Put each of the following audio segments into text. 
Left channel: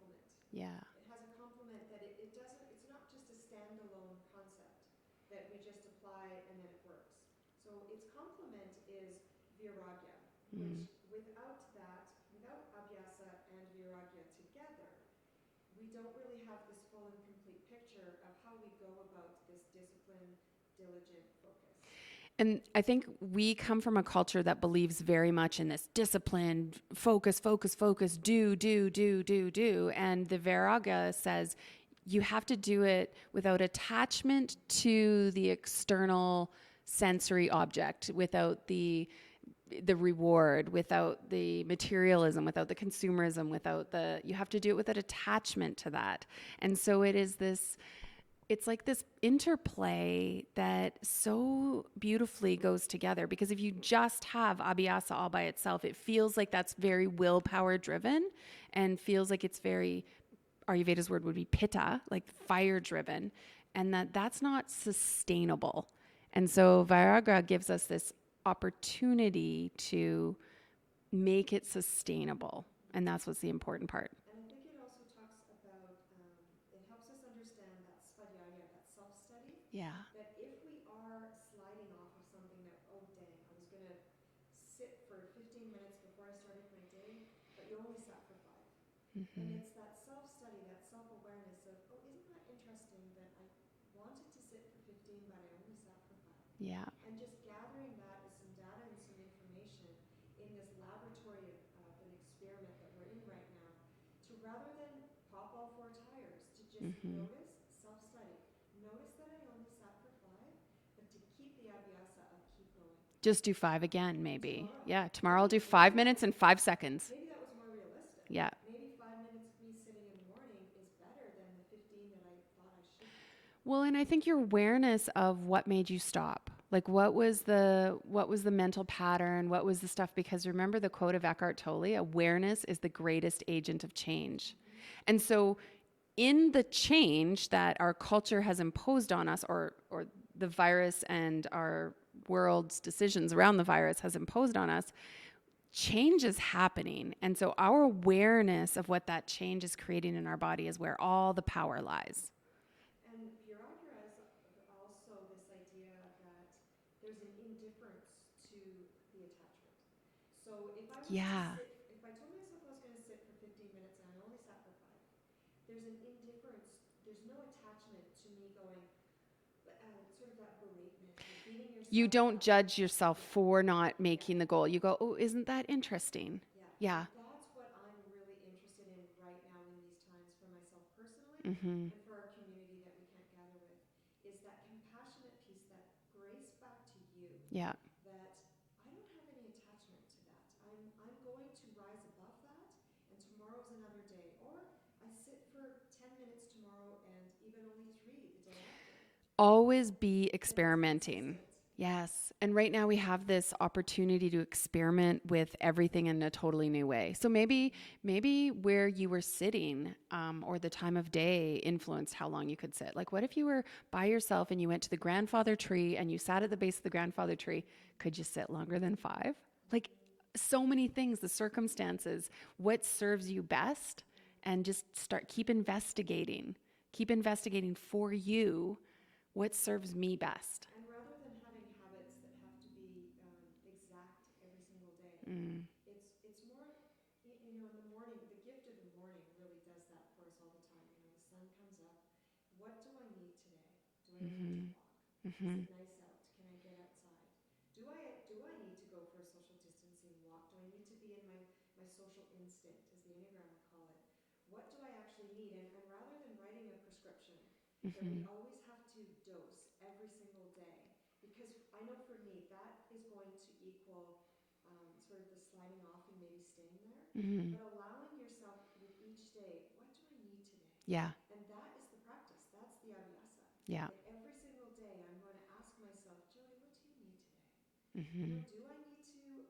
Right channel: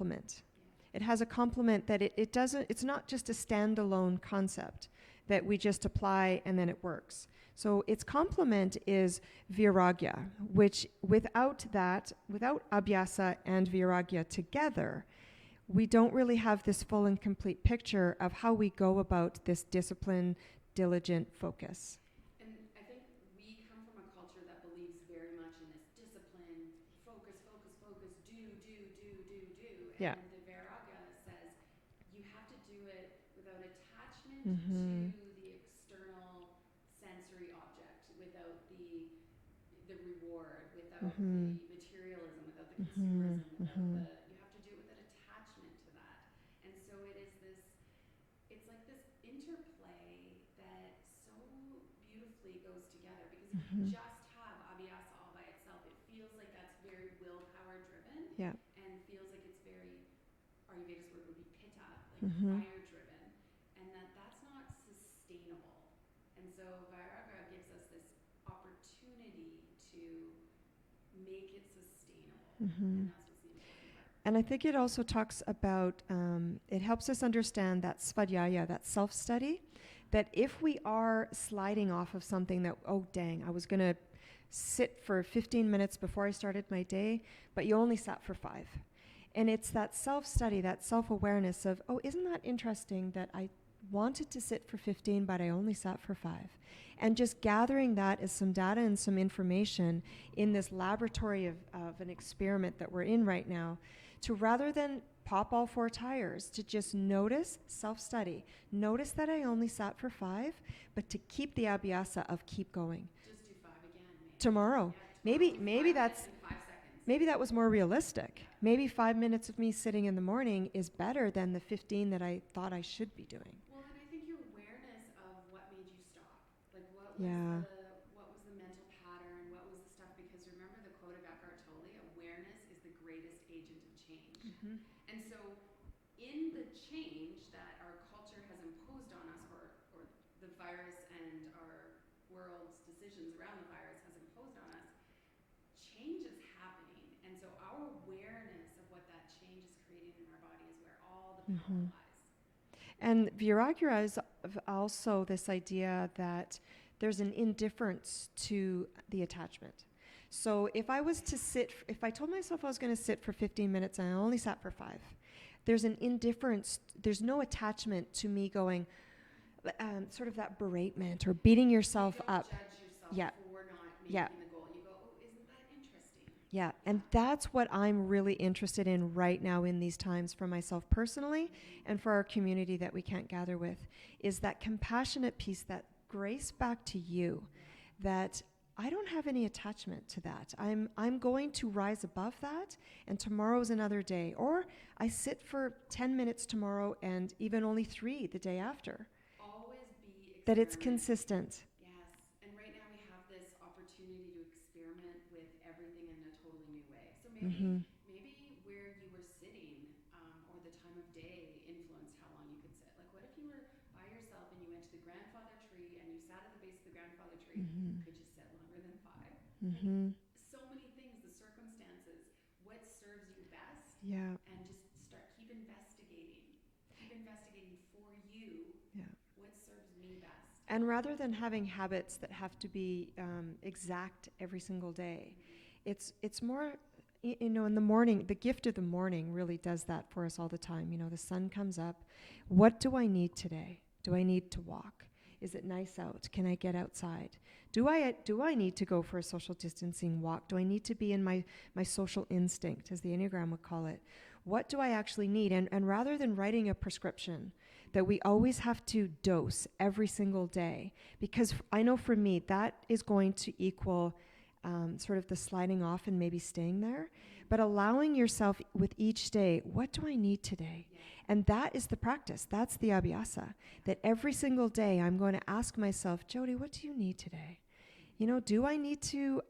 complement. Yeah. It has a complement that it doesn't, it's not just a standalone concept that we just apply and then it works. So its complement is Vairagya, which without Abyhasa and Vairagya together, we don't really have this full and complete picture of how we go about this discipline, diligent focus. And I think we come from a culture that believes very much in this discipline, focus, do. And the Vairagya says you have to do it without attachment to the external sensory object, without the reward, without the materialism, without the consumerism, without you have to do it without attachment to that. And so it is this, it's like this interplay that so beautifully goes together, because if you just have Abyhasa all by itself, it feels like that's very willpower driven and feels like it's very, Ayurveda's word would be pitta, like fire driven, and that's not sustainable. And so Vairagya gives us this opportunity to make it sustainable. And that's what's the important part. And I think it also talks about, it helps us understand that svadhyaya, that self-study, that if we are sliding off of something that, oh dang, I was going to sit for 15 minutes before I started my day, but you only sat for 5. And it's that self-study, that self-awareness of, oh, isn't that interesting that I wanted to sit for 15, but I only sat for 5. And just gathering that as some data and some information in this laboratory of an experiment that we're in right now, to rather than pop all 4 tires, to just notice, self-study, notice that I only sat for 5, but to keep the Abyhasa of keep going. Just do 5 again, maybe. Tomorrow. Yeah, tomorrow I'll do 5 minutes and 5 seconds. Maybe that was more realistic. Yeah. Maybe 5 minutes of me sitting in the morning is better than the 15 that I thought I should be doing. Well, and I think your awareness of what made you stop. Like what was the mental pattern? What was the stuff? Because remember the quote of Eckhart Tolle, awareness is the greatest agent of change. And so in the change that our culture has imposed on us, or the virus and our world's decisions around the virus has imposed on us, change is happening. And so our awareness of what that change is creating in our body is where all the power lies. And Vairagya is also this idea that there's an indifference to the attachment. So if I was to sit, if I told myself I was going to sit for 15 minutes and I only sat for 5, there's an indifference, there's no attachment to me going, sort of that beratement or beating yourself up. You don't judge yourself for not making the goal. You go, oh, isn't that interesting? Yeah. And that's what I'm really interested in right now in these times for myself personally and for our community that we can't gather with, is that compassionate piece, that grace back to you. Yeah. That I don't have any attachment to that. I'm going to rise above that, and tomorrow's another day. Or I sit for 10 minutes tomorrow and even only 3 the day after. Always be experimenting. That it's consistent. Yes. And right now we have this opportunity to experiment with everything in a totally new way. So maybe where you were sitting or the time of day influenced how long you could sit. Like what if you were by yourself and you went to the grandfather tree and you sat at the base of the grandfather tree? Could you sit longer than 5? Like so many things, the circumstances, what serves you best, and just keep investigating for you. What serves me best? And rather than having habits that have to be exact every single day, it's more, in the morning, the gift of the morning really does that for us all the time. The sun comes up. What do I need today? Do I need to walk? Is it nice out? Can I get outside? Do I need to go for a social distancing walk? Do I need to be in my social instinct, as the Enneagram would call it? What do I actually need? And rather than writing a prescription that we always have to dose every single day, because I know for me that is going to equal sort of the sliding off and maybe staying there, but allowing yourself with each day, what do I need today? And that is the practice. That's the Abyhasa. That every single day I'm going to ask myself, Jody, what do you need today? Do I need to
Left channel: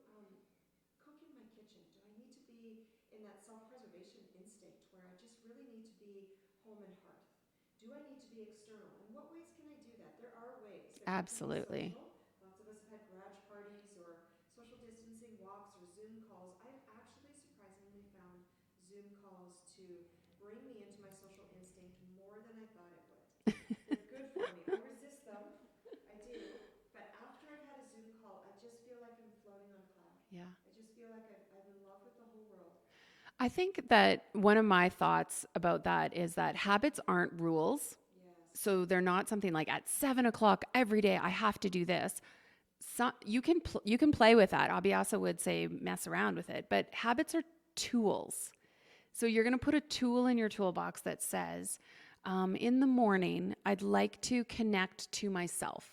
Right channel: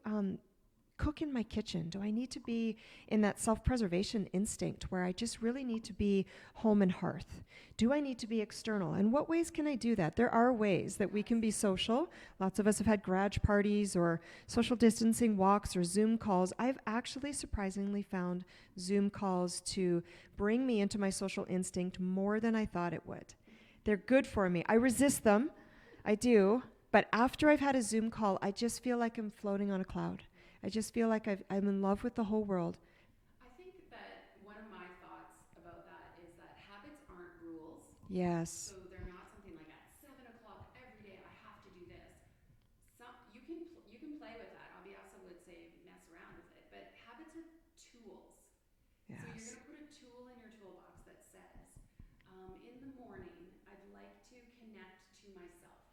cook in my kitchen? Do I need to be in that self-preservation instinct where I just really need to be home and hearth? Do I need to be external? And what ways can I do that? There are ways that we can be social. Lots of us have had garage parties or social distancing walks or Zoom calls. I've actually surprisingly found Zoom calls to bring me into my social instinct more than I thought it would. They're good for me. I resist them. I do. But after I've had a Zoom call, I just feel like I'm floating on a cloud. Yeah. I just feel like I'm in love with the whole world. I think that one of my thoughts about that is that habits aren't rules. Yes. So they're not something like at 7:00 every day, I have to do this. So you can play with that. Abyhasa would say mess around with it, but habits are tools. So you're going to put a tool in your toolbox that says, in the morning, I'd like to connect to myself.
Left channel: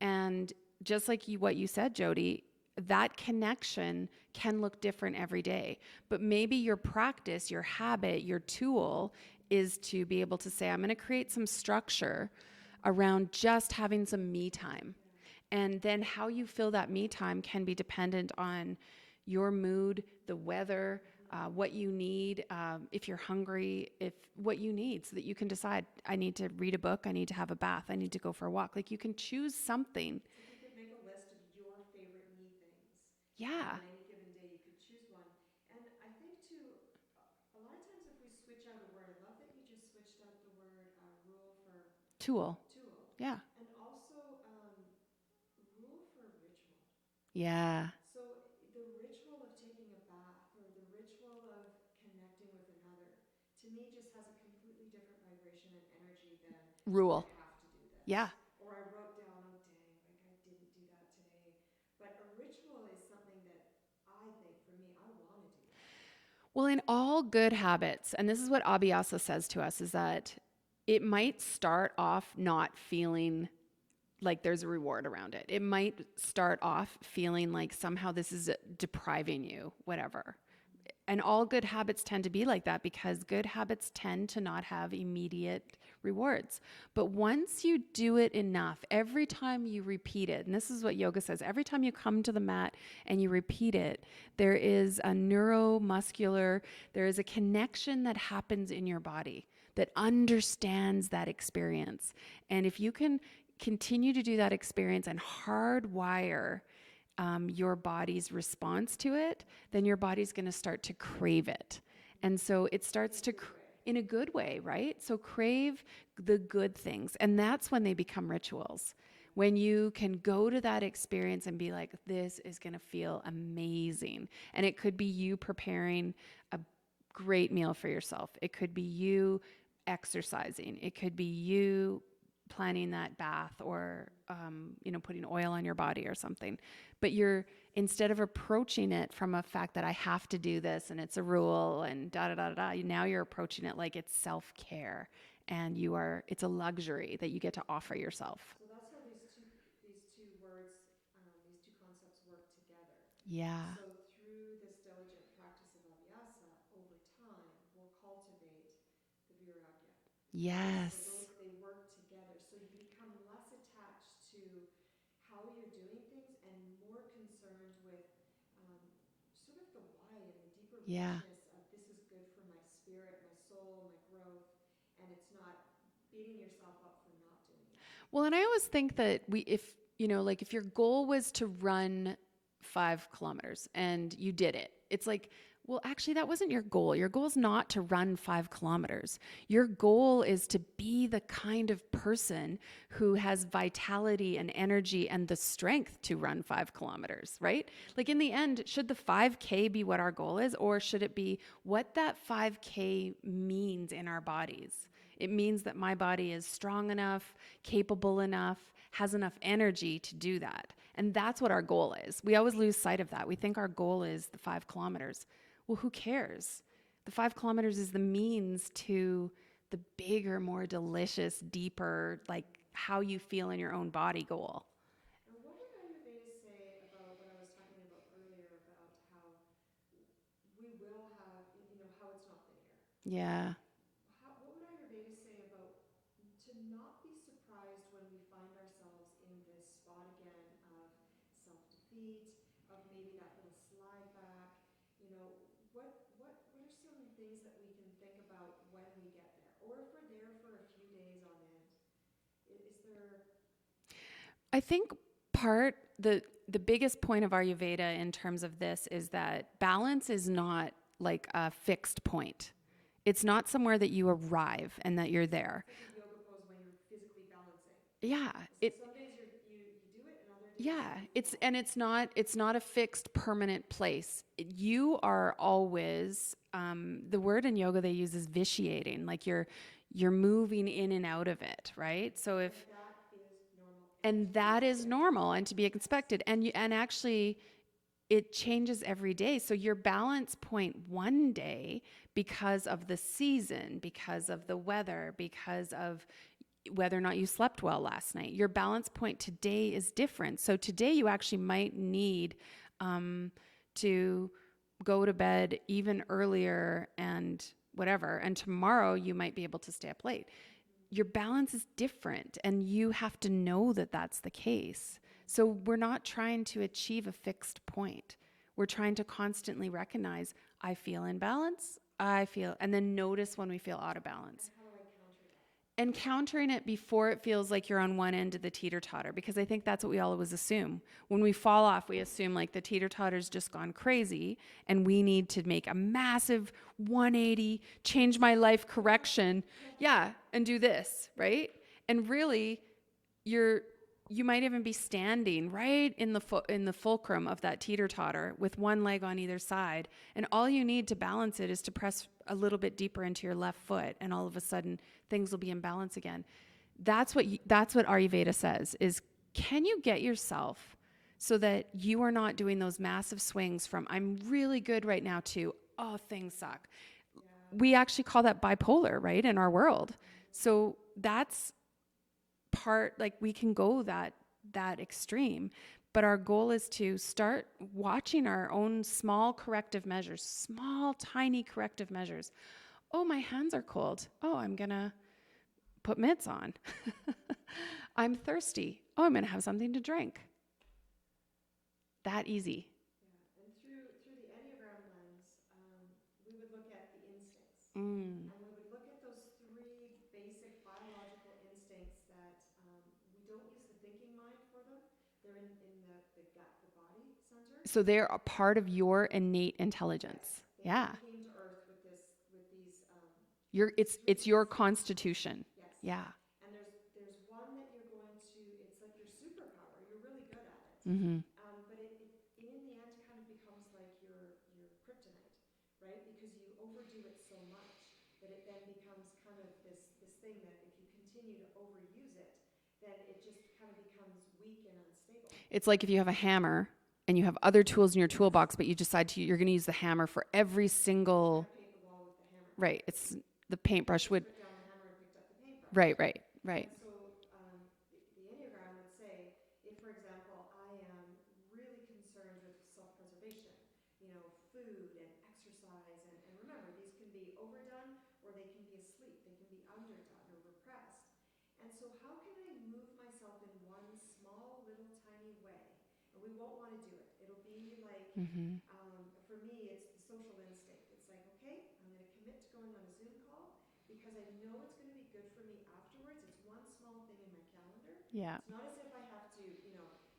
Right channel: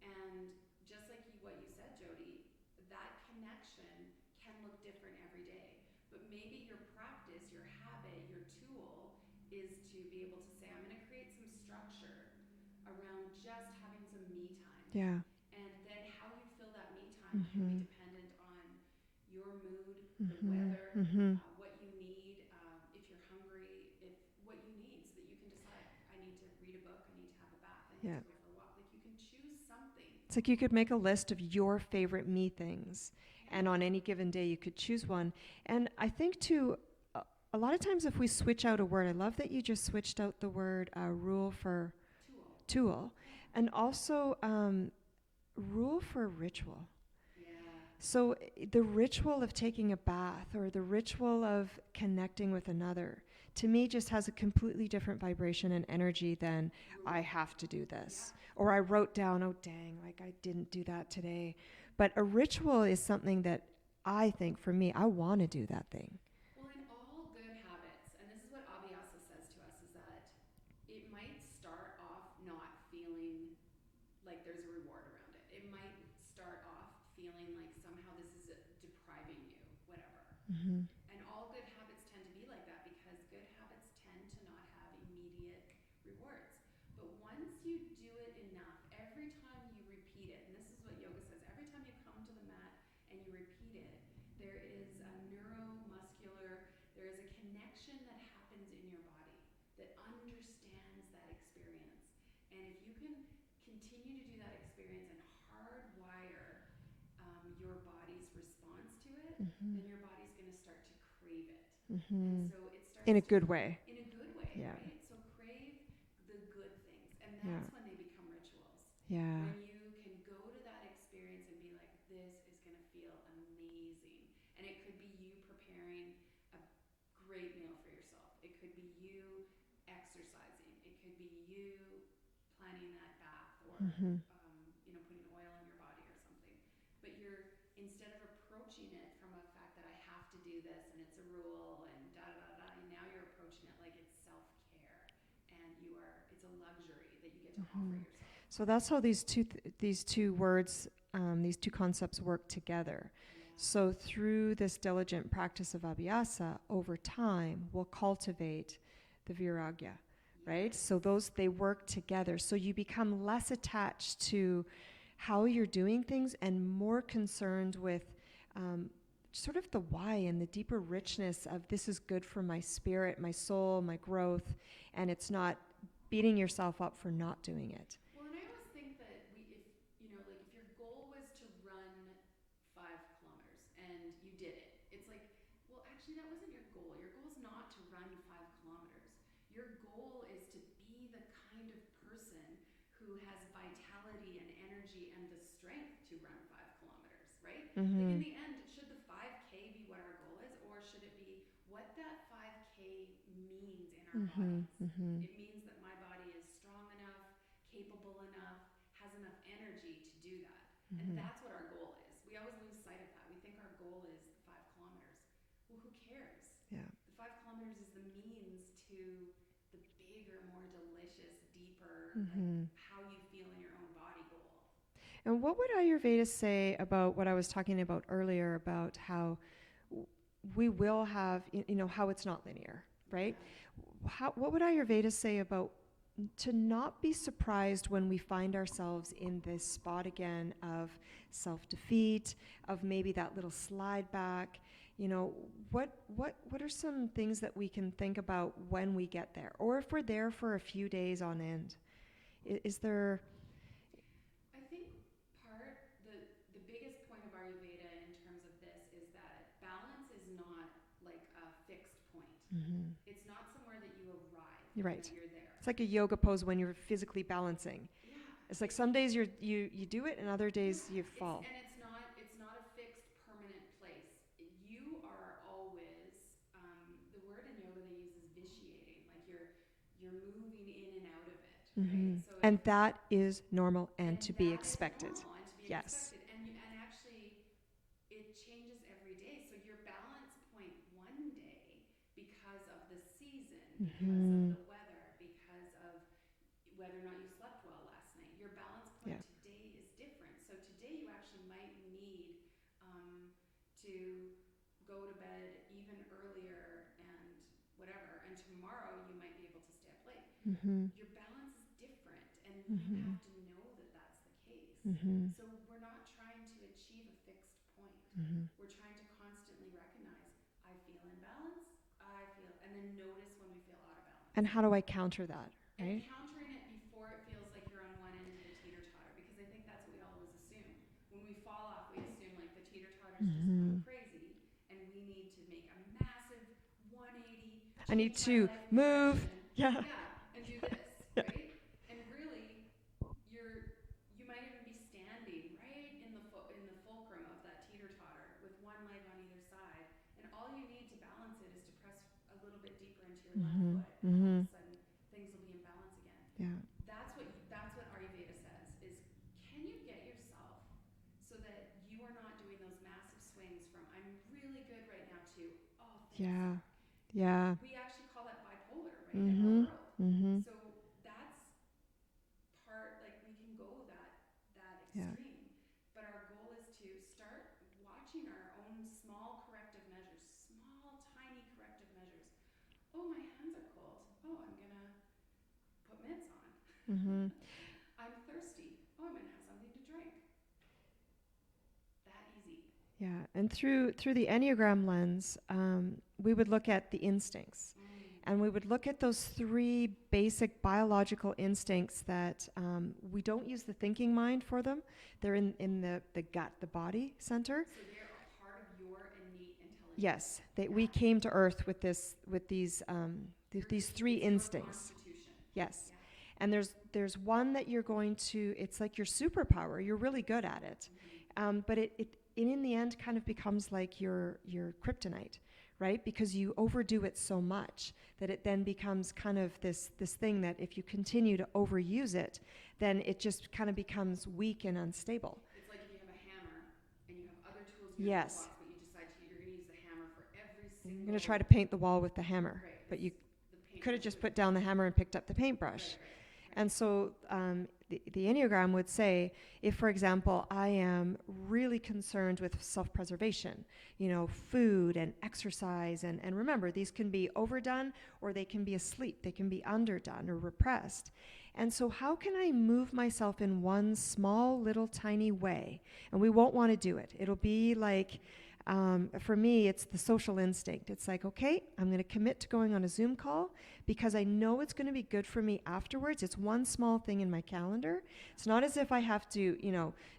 And just like what you said, Jody, that connection can look different every day. But maybe your practice, your habit, your tool is to be able to say, I'm going to create some structure around just having some me time. Yeah. And then how you fill that me time can be dependent on your mood, the weather, what you need, if you're hungry, if what you need, so that you can decide, I need to read a book, I need to have a bath, I need to go for a walk. Like you can choose something. It's like you could make a list of your favorite me things. Yeah. And on any given day, you could choose one. And I think too, a lot of times if we switch out a word, I love that you just switched out the word rule for Tool. Yeah. And also rule for ritual. Yeah. So the ritual of taking a bath or the ritual of connecting with another, to me, just has a completely different vibration and energy than Rule. I have to do this. Yeah. Or I wrote down, oh, dang, like I didn't do that today. But a ritual is something that I think, for me, I want to do that thing. Well, in all good habits, and this is what Abyhasa says to us, is that it might start off not feeling like there's a reward around it. It might start off feeling like somehow this is depriving you, whatever. And all good habits tend to be like that because good habits tend to not have immediate rewards. But once you do it enough, every time you repeat it, and this is what yoga says, every time you come to the mat and you repeat it, there is a neuromuscular, there is a connection that happens in your body that understands that experience. And if you can continue to do that experience and hardwire your body's response to it, then your body's going to start to crave it. And so it starts In a to good way. In a good way, right? So crave the good things. And that's when they become rituals. Yeah. When you can go to that experience and be like, this is going to feel amazing. And it could be you preparing a great meal for yourself. It could be you exercising. It could be you planning that bath or, putting oil on your body or something. But instead of approaching it from a fact that I have to do this and it's a rule and now you're approaching it like it's self-care and it's a luxury that you get to offer yourself. So that's how these two words, these two concepts work together. Yeah. So through this diligent practice of Abyhasa, over time, we'll cultivate the Vairagya. Yes. Right? So they work together. So you become less attached to how you're doing things and more concerned with sort of the why and the deeper richness of this is good for my spirit, my soul, my growth, and it's not beating yourself up for not doing it. Well, and I always think that if your goal was to run 5 kilometers and you did it, it's like, well, actually, that wasn't your goal. Your goal is not to run 5 kilometers. Your goal is to be the kind of person who has vitality and energy and the strength to run 5 kilometers, right? Like in the end, should the 5K be what our goal is, or should it be what that 5K means in our bodies? It means that my body is strong enough, capable enough, has enough energy to do that. And that's what our goal is. We always lose sight of that. We think our goal is the 5 kilometers. Well, who cares? Yeah. The 5 kilometers is the means to the bigger, more delicious, deeper, like how you feel in your own body goal. And what would Ayurveda say about what I was talking about earlier about how we will have, how it's not linear, right? Yeah. What would Ayurveda say about to not be surprised when we find ourselves in this spot again of self-defeat, of maybe that little slide back? What are some things that we can think about when we get there, or if we're there for a few days on end? Is there? I think the biggest point of Ayurveda in terms of this is that balance is not like a fixed point. It's not somewhere that you arrive and that you're there. It's like a yoga pose when you're physically balancing. Yeah. It's like some days you do it and other days you fall. It's not a fixed permanent place. You are always, the word in yoga they use is vitiating, like you're moving in and out of it, right? So and that is normal and to that be is expected. normal and to be expected. And actually it changes every day. So your balance point one day, because of the season, because of the weather, because of whether or not you slept well last night, your balance point today is different. So today you actually might need to go to bed even earlier and whatever. And tomorrow you might be able to stay up late. Your balance is different and you have to know that that's the case. So we're not trying to achieve a fixed point. We're trying to constantly recognize, I feel in balance, and then notice when we feel out of balance. And how do I counter that? And countering it before it feels like you're on one end of the teeter-totter, because I think that's what we always assume. When we fall off, we assume like the teeter-totter's just gone crazy and we need to make a massive 180, change my life correction. And do this, right? And really, you might even be standing right in the fulcrum of that teeter-totter with one leg on either side. And all you need to balance it is to press a little bit deeper into your left foot. And all of a sudden, things will be in balance again. That's what Ayurveda says is, can you get yourself so that you are not doing those massive swings from I'm really good right now to, oh, things suck. We actually call that bipolar, right? In our world. So that's part, like we can go that extreme, but our goal is to start watching our own small corrective measures, small, tiny corrective measures. Oh, my hands are cold. Oh, I'm going to put mitts on. I'm thirsty. Oh, I'm going to have something to drink. That easy. Yeah. And through the Enneagram lens, we would look at the instincts. And we would look at those 3 basic biological instincts that we don't use the thinking mind for them. They're in the gut, the body center. So they're a part of your innate intelligence. Yes. We came to Earth with these 3 it's instincts. your constitution. Yes. Yeah. And there's one that you're going to, it's like your superpower. You're really good at it. But it in the end kind of becomes like your kryptonite, right? Because you overdo it so much that it then becomes kind of this thing that if you continue to overuse it, then it just kind of becomes weak and unstable. It's like if you have a hammer and you have other tools in your toolbox, but you decide you're going to use the hammer for every single... You're going to try to paint the wall with the hammer. Right. But the paintbrush would put down the hammer and picked up the paintbrush. Right. And so the Enneagram would say, if, for example, I am really concerned with self-preservation, food and exercise, and remember, these can be overdone or they can be asleep, they can be underdone or repressed. And so how can I move myself in one small little tiny way? And we won't want to do it. It'll be like, for me, it's the social instinct. It's like, okay, I'm going to commit to going on a Zoom call because I know it's going to be good for me afterwards. It's one small thing in my calendar. Yeah. It's not as if I have to,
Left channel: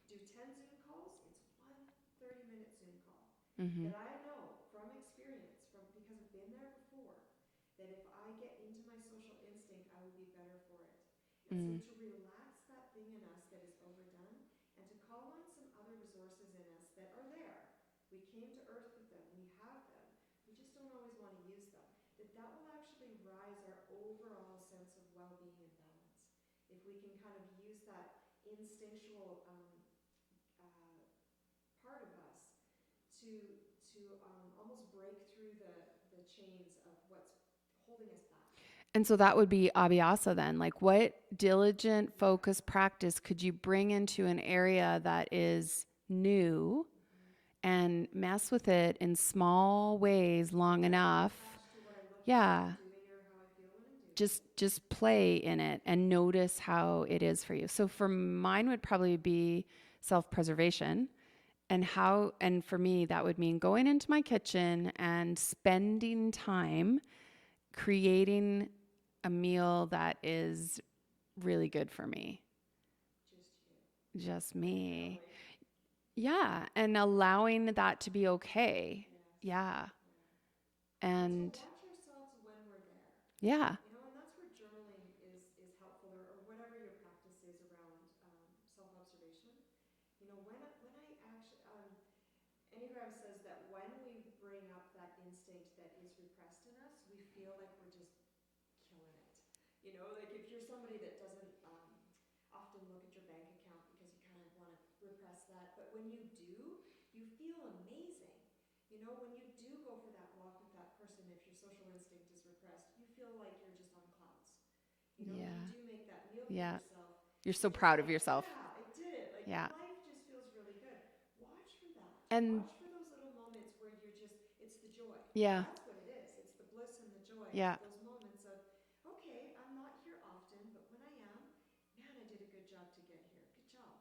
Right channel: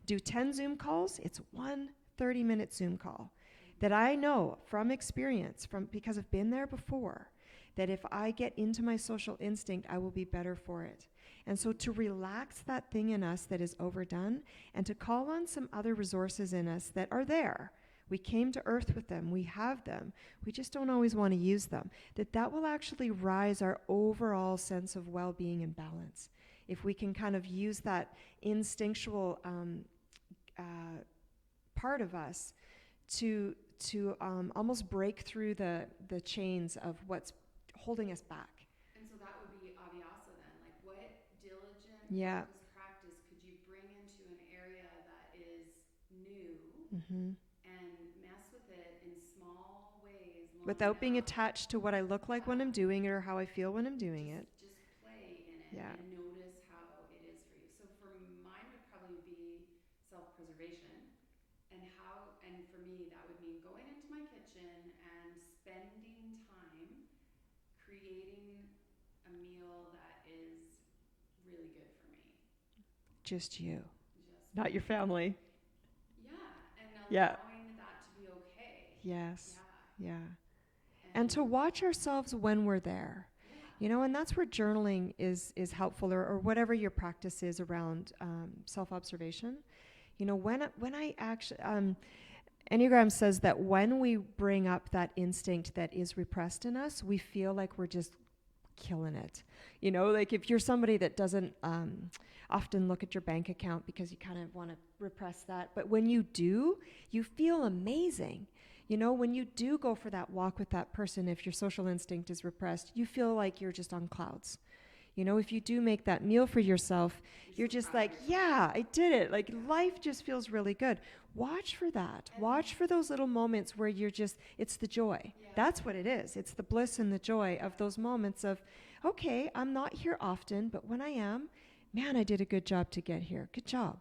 do 10 Zoom calls. It's one 30-minute Zoom call that I know from experience, because I've been there before, that if I get into my social instinct, I will be better for it. And so to relax that thing in us that is overdone and to call on some other resources in us that are there. We came to Earth with them. We have them. We just don't always want to use them. That will actually rise our overall sense of well-being and balance. If we can kind of use that instinctual part of us to almost break through the chains of what's holding us back. And so that would be Abyhasa then. Like, what diligent, focused practice could you bring into an area that is new and mess with it in small ways long without enough? Being attached to what I look like when I'm doing it or how I feel when I'm doing it. Just play in it and notice how it is for you. So for mine would probably be self-preservation. And for me, that would mean going into my kitchen and spending time creating a meal that is really good for me. Just you. Just not me. Your family. Yeah. And allowing that to be okay. Yes. Yeah. Yeah. And to watch ourselves when we're there. Yeah. You know, and that's where journaling is helpful, or whatever your practice is around self-observation. You know, when I actually, Enneagram says that when we bring up that instinct that is repressed in us, we feel like we're just killing it. You know, like if you're somebody that doesn't often look at your bank account because you kind of want to repress that, but when you do, you feel amazing. You know, when you do go for that walk with that person, if your social instinct is repressed, you feel like you're just on clouds. You know, if you do make that meal for yourself, you're so just proud like, of yourself. Yeah, I did it. Like life just feels really good. Watch for that. And watch for those little moments where you're just, it's the joy. Yeah. That's what it is. It's the bliss and the joy of those moments of, okay, I'm not here often, but when I am, man, I did a good job to get here. Good job.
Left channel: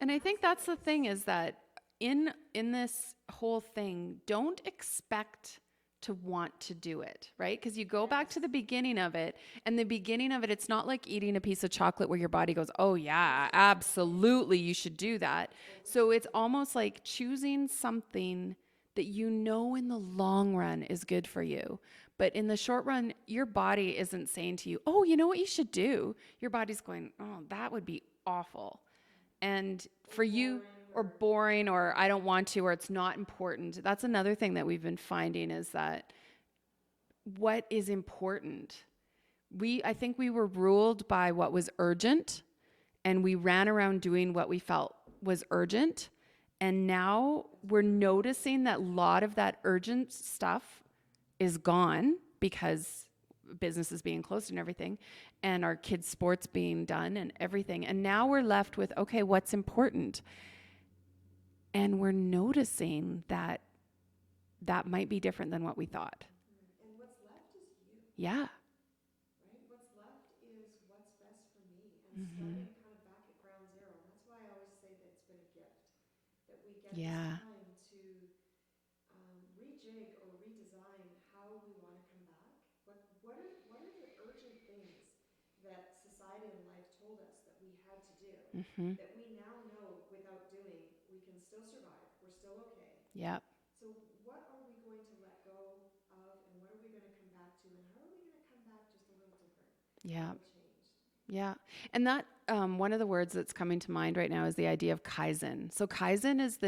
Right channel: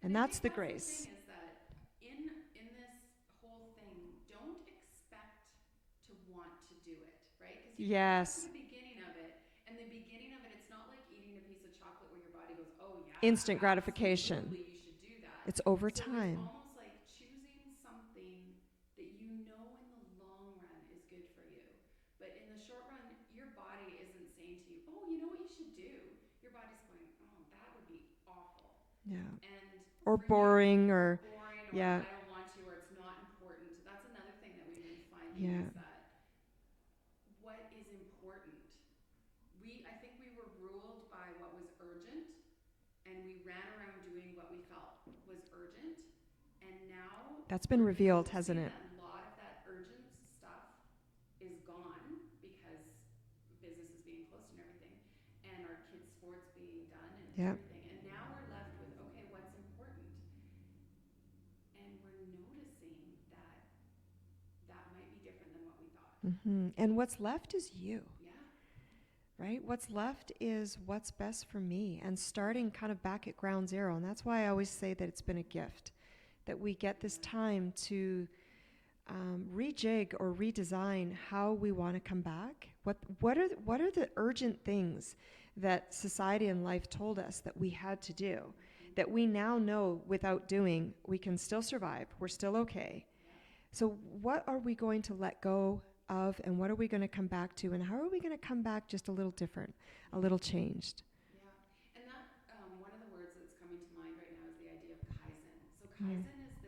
And I think that's the thing, is that in this whole thing, don't expect to want to do it, right? Because you go back to the beginning of it, and the beginning of it, it's not like eating a piece of chocolate where your body goes, oh yeah, instant absolutely, you should do that. It's over So time. it's almost like choosing something that you know in the long run is good for you. But in the short run, your body isn't saying to you, oh, you know what you should do? Your body's going, oh, that would be awful. Yeah. And or for boring, you, or boring, or yeah. I don't want to, or it's not important. That's another thing that we've been finding is that what is important. I think we were ruled by what was urgent, and we ran around doing what we felt was urgent. And now we're revealed, noticing that a lot of that urgent stuff is gone because business is being closed and everything, and our kids' sports being done and everything. And now we're left with, okay, what's important? And we're noticing that might be different than what we thought. Mm-hmm. And what's left is you. Yeah. Right? What's left is what's best for me, and starting kind of back at ground zero. And that's why I always say that it's been a gift that we get this time to rejig or redesign how we want to come back. What are the urgent things that society and life told us that we had to do, that we now know without doing, we can still survive. We're still okay. Yeah. So what are we going to let go of, and what are we going to come back to, and how are we going to come back just a little different, a little changed? Yeah. And that one of the words that's coming to mind right now is the idea of Kaizen. So Kaizen is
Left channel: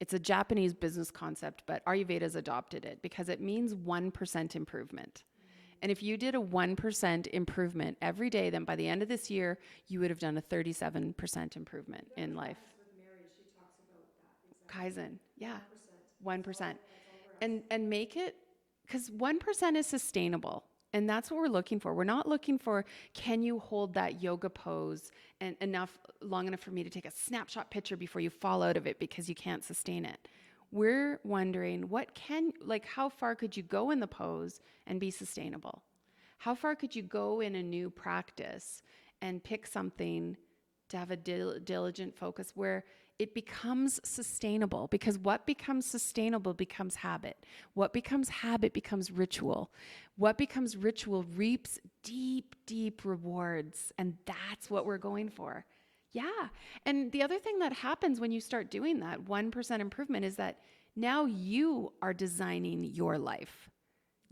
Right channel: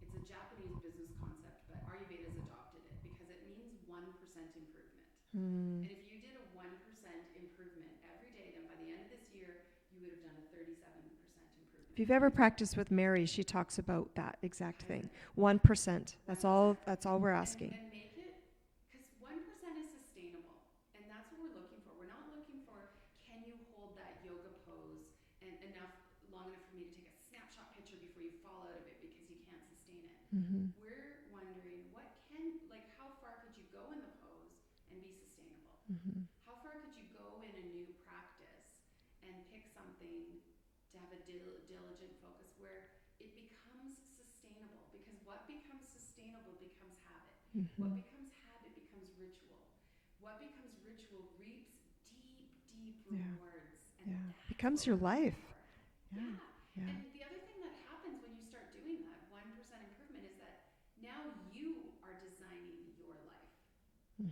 it's a Japanese business concept, but Ayurveda's adopted it because it means 1% improvement. And if you did a 1% improvement every day, then by the end of this year, you would have done a 37% improvement. If you've ever practiced with Mary, she talks about that exact Kaizen. thing. 1%. 1%. That's all we're asking. And make it, because 1% is sustainable. And that's what we're looking for. We're not looking for, can you hold that yoga pose and long enough for me to take a snapshot picture before you fall out of it because you can't sustain it. We're wondering how far could you go in the pose and be sustainable? How far could you go in a new practice and pick something to have a diligent focus where it becomes sustainable? Because what becomes sustainable becomes habit. What becomes habit becomes ritual. What becomes ritual reaps deep, deep rewards. And that's what we're going for. Yeah. And the other thing that happens when you start doing that 1% improvement is that now you are designing your life.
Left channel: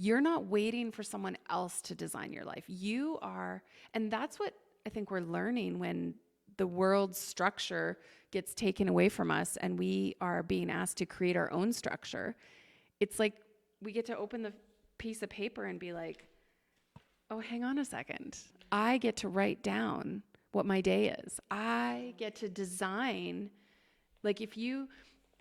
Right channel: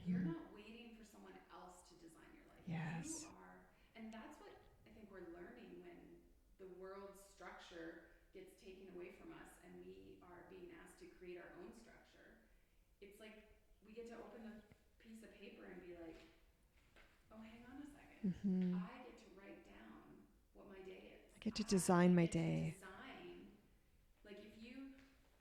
You're not waiting for someone else to design your life. You are. And that's what I think we're learning when the world's structure gets taken away from us and we are being asked to create our own structure. It's like we get to open the piece of paper and be like, oh, hang on a second. I get to write down what my day is. Design my day. I get to design. Like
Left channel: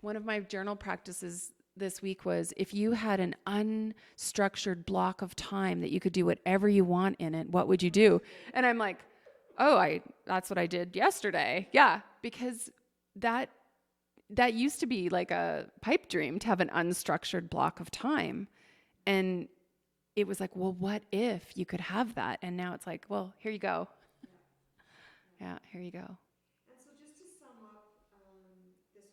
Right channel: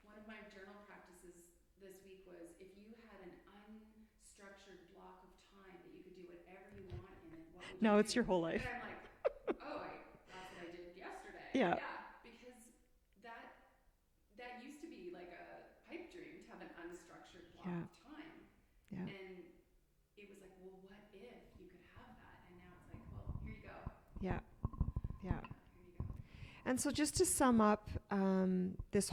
one of my journal practices this week was, if you had an unstructured block of time that you could do whatever you want in it, what would you do? Your whole life. And I'm like, that's what I did yesterday. Yeah. Because that used to be like a pipe dream to have an unstructured block of time. Yeah. And it was like, well, what if you could have that? And now it's like, well, here you go. Yeah, here you go. And so just to sum up, this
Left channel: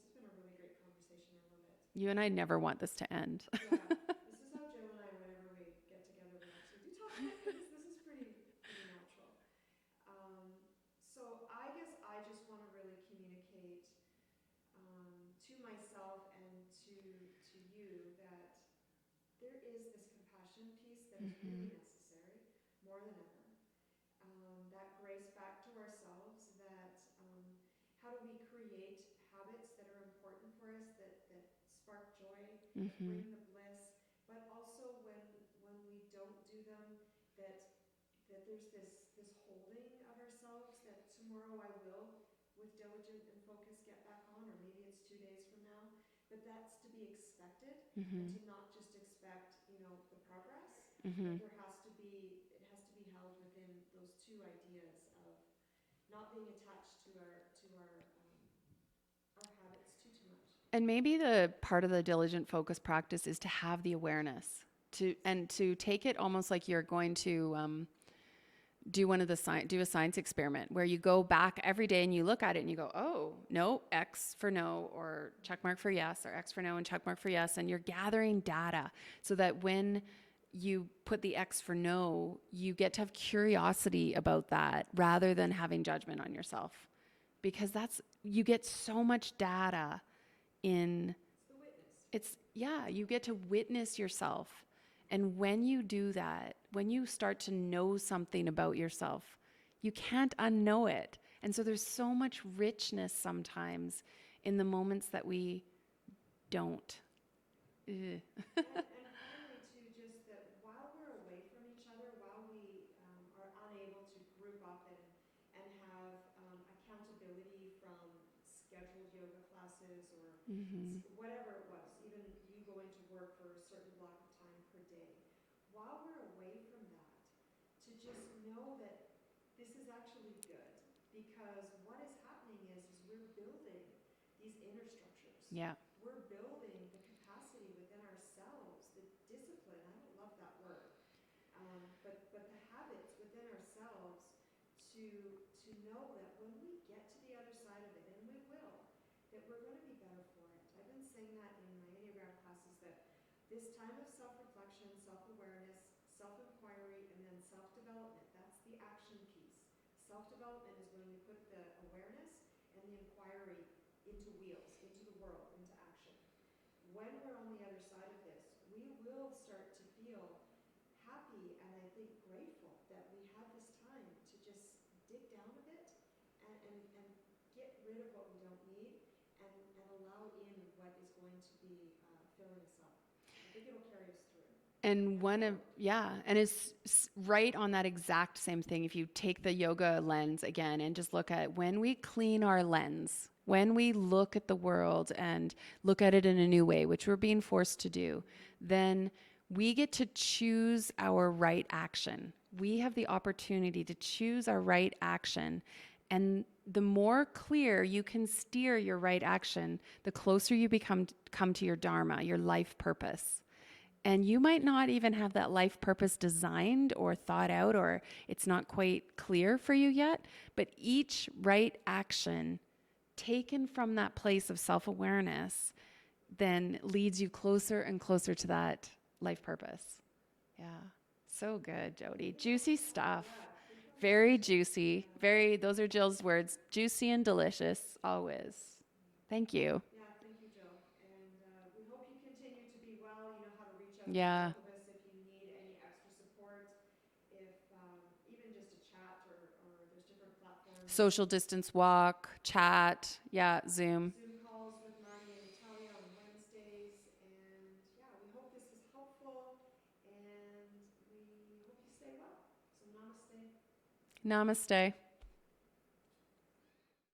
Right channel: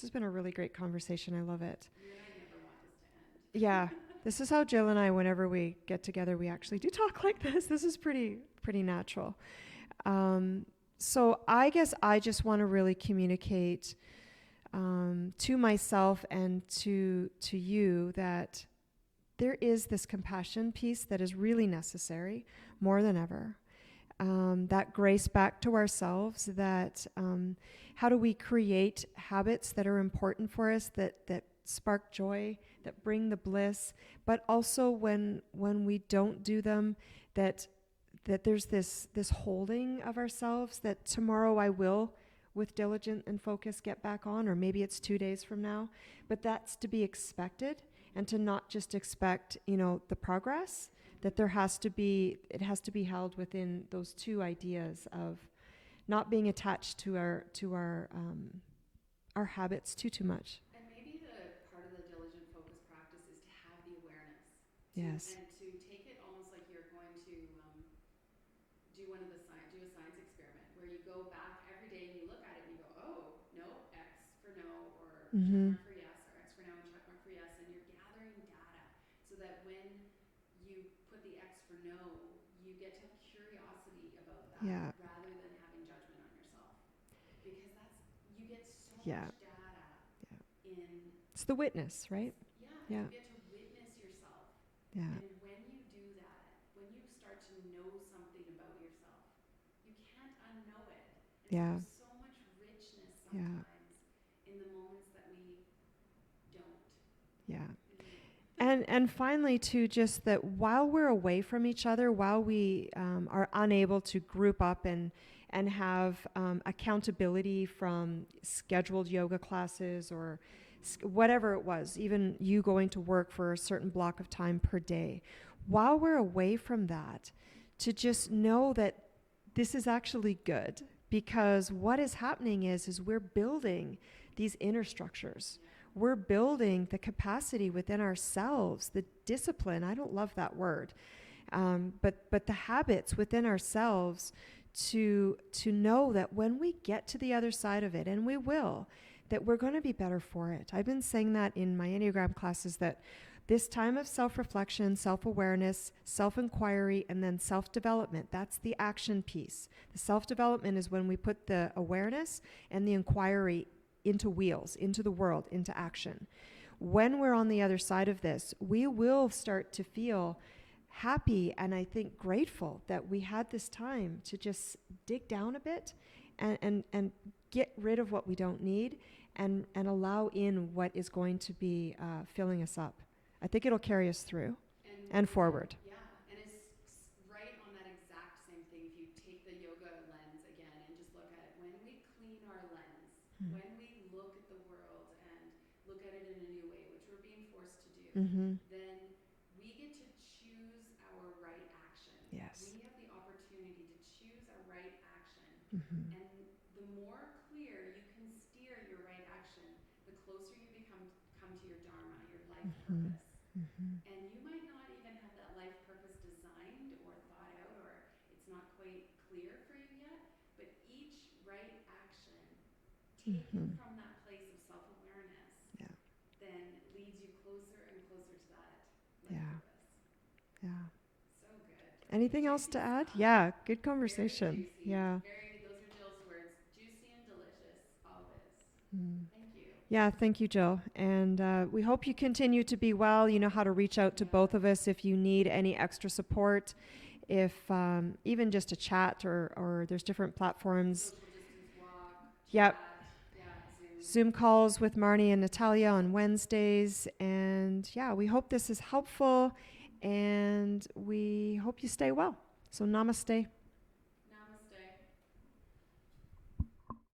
has been a really great conversation. I love it. You and I never want this to end. Yeah. This is how Jill and I, whenever we get together, we actually do talk like this. This is pretty natural. So I guess I just want to really communicate to myself and to you that there is this compassion piece that is really necessary more than ever. That grace back to ourselves, that how do we create habits that are important for us, that spark joy, that bring the bliss, but also when we don't do them, that there's this holding of ourselves, that tomorrow I will, with diligent and focus, get back on, or maybe it's 2 days from now. But that's to be expected, and to not just expect, the progress, that it has to be held within those two ideas of not being attached to our habits too much. And maybe the part of the diligent focus practice is to have the awareness and to take it almost like you're going to do a science experiment where you go back every day and you look at it and you go, oh, no, X for no, or check mark for yes, or X for no and check mark for yes. And you're gathering data so that when you put the X for no, you get to have curiosity about that rather than having judgment on yourself. Because you get so much data in... It's the witness, right? You get to witness yourself. Yeah. And when you do that, when you start to know something about yourself, you can't unknow it. And so there's so much richness sometimes in the moments that we don't. Yeah. And finally, too, just that while we're away from each other, while we are unable to group up and have accountability from scheduled yoga classes or whatever it was, even you going to work for a certain block of time per day, while we're away from that, to just know that this is actually good, because what is happening is we're building these inner structures. Yeah. We're building the capacity within ourselves, the discipline. I don't love that word, but the habits within ourselves to know that when we get to the other side of it, and we will, that we're going to be better for it. I've been saying that in my Enneagram classes, that this time of self-reflection, self-awareness, self-inquiry, and then self-development, that's the action piece. The self-development is when we put the awareness and the inquiry into wheels, into the world, into action. When we're on the other side of this, we will start to feel happy and I think grateful that we had this time to just dig down a bit and get rid of what we don't need and allow in what is going to be filling us up. I think it'll carry us through and forward. And it's right on that exact same thing. If you take the yoga lens again and just look at when we clean our lens, when we look at the world and look at it in a new way, which we're being forced to do, then we get to choose our right action. Yes. We have the opportunity to choose our right action. And the more clear you can steer your right action, the closer you come to your dharma, your life purpose. And you might not even have that life purpose designed or thought out, or it's not quite clear for you yet, but each right action taken from that place of self-awareness then leads you closer and closer to that life purpose. So good, Jody. Anything juicy else to stuff. Add? Yeah, good conversation. Very juicy. Those are Jill's words. Juicy and delicious, always. Thank you. Yeah, thank you, Jill. And we hope you continue to be well. You know how to reach out to both of us if you need any extra support. If even just a chat or there's different platforms. Social distance walk, chat, Zoom. Zoom calls with Marnie and Natalia on Wednesdays. And we hope this is helpful and we hope you stay well. So namaste. Namaste.